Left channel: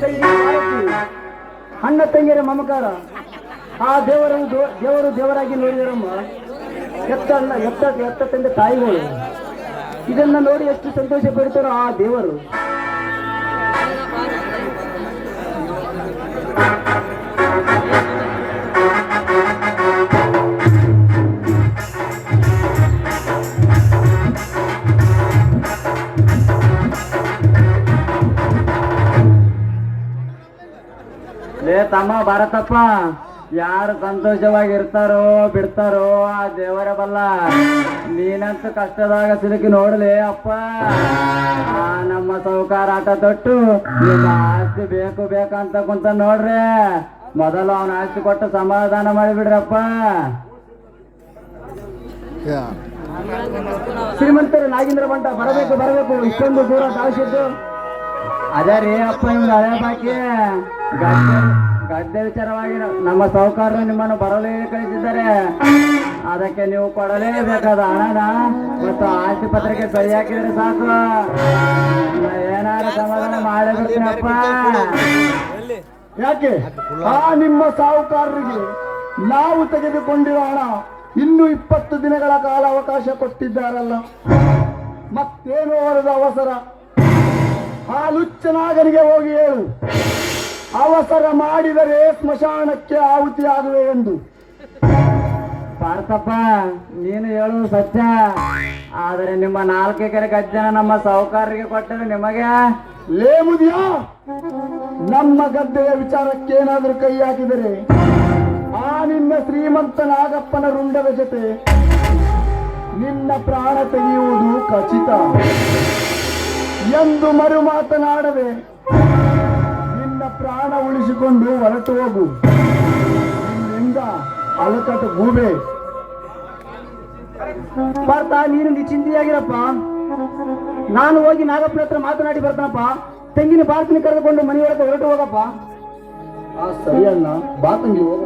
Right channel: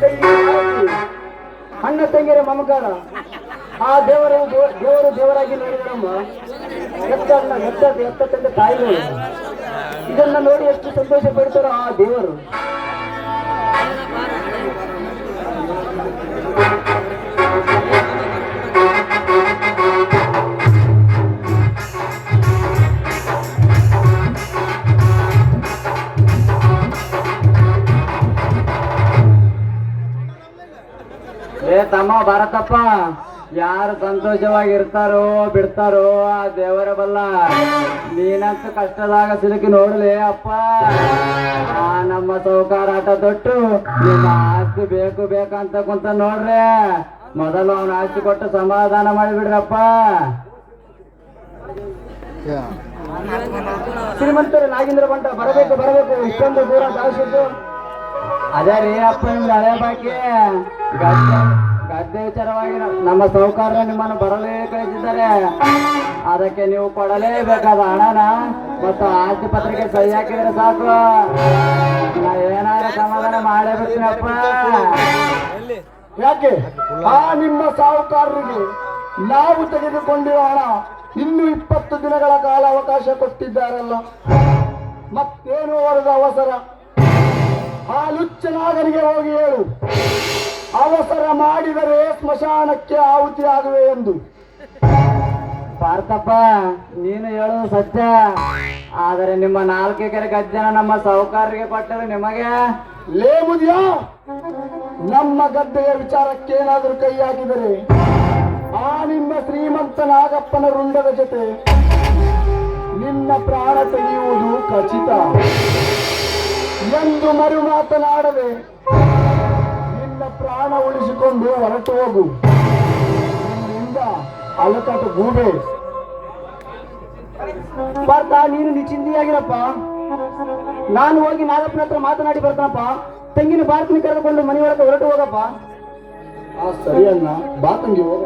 ಕೈ ಆರತಿ, ಅಣ್ಣ ತಂಗಿಯರ ಮಮಕಾರ, ಆ ದೇವರು ದೇವರಾಗಿ ನೋಡಿದರಮ್ಮ. ಎತ್ತ ತಂದೆ ತಾಯಿಗಳು ಇದನ್ನ ನೋಡಿ ಎಷ್ಟು ಸಂತೋಷ ಪಡ್ತಾರೋ ಆ ದೇವರು. ತಮ್ಮ ಭಾರತಪ್ಪ, ಯಾರು ಸಂತೋಷವಾಗಿರ್ತಾರೋ ಬಿಡ್ತಾರೋ ಆ ದೇವರ ಬಲ್ಲ. ನೀನಂತೂ ಕಷ್ಟದಾಗ ಸಿಲುಕಿ ನೋಡ್ಲೆ ಅಪ್ಪ. ಆ ನಮ್ಮ ಸೌಕಾರ ಆಟ ತೊಟ್ಟು ನಿಮ್ಮ ಆಸ್ತಿ ಬೇಕು ಬೇಕಂತ ಕುಂತ ನೋಡ್ರೆ, ಮೊದಲು ಅವನ ಆಸ್ತಿ ಕೊಟ್ಟು ಸಮಾಧಾನ ಮಾಡಿಬಿಡ್ರಪ್ಪ. ಶ್ರೀಮಂತರು ನಾಗೇಂದ್ರ ಬಂಟ ಬರಬೇಕು ಇಷ್ಟೊಂದು ದೂರ ಸಾಗಿಸಿದ್ದು. ಅದೇ ರೀ ಅಪ್ಪ, ನಿಮ್ದು ಹಳೆ ಬಾಕಿ ಗದ್ದೆ ವಿಚಾರವಾಗಿ ನಮ್ಮ ಸೌಕಾರರು ನಿಮ್ಮನ್ನು ಬರಲೇ ಕಳಿಸಿದ್ದಾರೆ. ಅದಕ್ಕೆ ನೀವು ಕೊಡಲೇಬೇಕಾದ ಹಣನ ಮತ್ತು ಆಸ್ತಿ ಪತ್ರಿಕೆ ಸಹಿ ಹಾಕಿದ್ರೆ ಸಾಕು, ನಾ ಏನಾದ್ರು ಸಮಾಧಾನ ಮಾಡೇ ಬಿಡ್ತೀನಪ್ಪ. ಯಾಕೆ ಆ ನಿಮ್ಮ ಸಾಹುಕಾರರಿಗೆ ನಾವು ತೆಗೆದುಕೊಂಡಿರೋ ಹಣ ಇನ್ನು 20 ದಿನಗಳ ಕಾಲ ಅವಕಾಶ ಕೊಟ್ಟಿದ್ದಾರಲ್ಲ, ಮತ್ತೇನು ಅವರದ ಅವಸರ? ಆ ಲುಚ್ಚನಾಗನಿಗೆ ಹೋಗಿ ಹೇಳು, ಅವಸರ ಮಾಡಿದರೆ ಸ್ಮಶಾನಕ್ಕೆ ಆಹುತಿ ಆಗುವೆ ಎಂದು. ಭಾರತಪ್ಪ, ನೀನು ಹೇಳೋದು ಸತ್ಯ. ಆದರೆ ನಿಮ್ಮ 4 ಎಕರೆ ಗದ್ದೆನ ನಮ್ಮ ಸಾಹುಕಾರರಿಗೆ ಕೊಟ್ಟರೆ ನಿಮಗೆ ಲೇಮುದಿಯಾ? ನಮ್ಮ ಗದ್ದೆಯ ವಿಚಾರಕ್ಕೇನಾದರೂ ಕೈ ಹಾಕಿದರೆ ಆ ನಿನ್ನ ಶ್ರೀಮಂತ ನಾಗಪ್ಪನ ರುಂಡದ ಜೊತೆ ನಿನ್ನ ಪ್ರಾಣ ತೆಗೆಯುವುದು ಖಚಿತ ಎಂದು ಮರು ಮಾತನಾಡದೆ ನಿನ್ನ ಪ್ರಾಣ ಉಳಿಸಿಕೊಂಡು ಹೊರಟು ಹೋಗು. ನಿನ್ನಿಂದ ಅಲಕಟ್ಟು ಗೂಬೆ. ಭಾರತ, ನೀನು ನಿಶ್ಚಿಂತೆಯಾಗಿರಪ್ಪ. ನಾನು ಹೋಗಿ ನಾಗಪ್ಪನ ಹತ್ರ ಮಾತನಾಡಿ ಬರ್ತಾನಪ್ಪ. ತಂಗಿನ ಭಾರತನ ಕರೆದುಕೊಂಡು ಮನೆಯೊಳಗೆ ಹೊರಟು ಹೋಗಪ್ಪ. ಸರಿ ಅಣ್ಣ, ಬಾ ತಂಗಿ ಹೋಗ.